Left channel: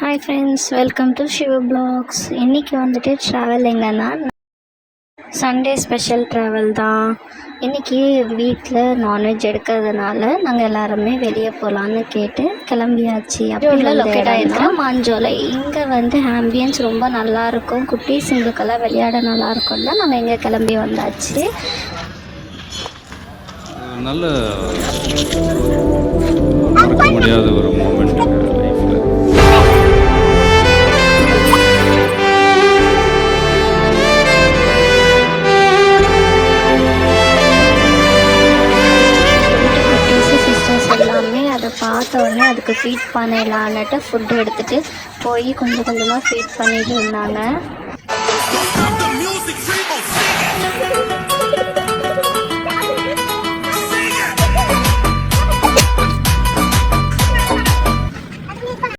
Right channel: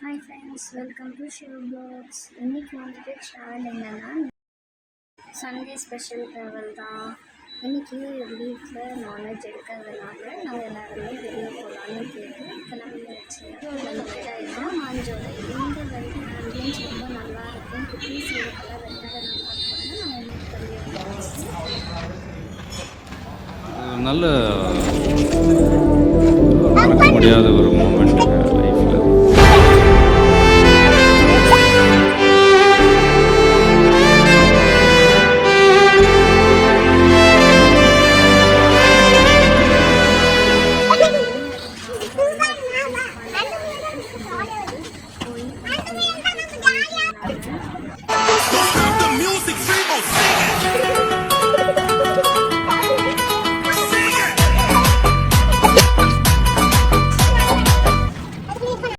Hi friends, welcome to Siva blogs. இன்றைக்கி வந்துட்டு travel எங்கன்னா சண்டே ஸ்பெஷல் ட்ராவல் தான். இன்றைக்கி வீட்டில் நான்வெஜ் எடுக்கிறதுனால நாங்கள் எல்லாருமே வெளியே போகலான்னு கேட்டு கிளம்பியாச்சு. அப்படி லொக்கேட் ஆகிருக்கிற மாஞ்சோலை. இங்கே வந்து ஆம்பியன்ஸ் ரொம்ப நல்லாயிருக்கும், குட்டீஸுங்களுக்கெல்லாம் விளையாட நல்லாயிருக்கும் தான் நாங்கள் இங்கே கிளம்பி வந்தாச்சு. நல்ல மறக்க முடியாத ஒரு மூமெண்ட் லைஃப்பில். பார்த்த உடனே அதுக்கு ஃபீட் பண்ணிடலான்ட்டு ஃபுட்டு எடுத்துகிட்டு போய் கொஞ்சம் கொஞ்சமாக ஃபீட் பண்ணிட்டு இருந்தாங்க.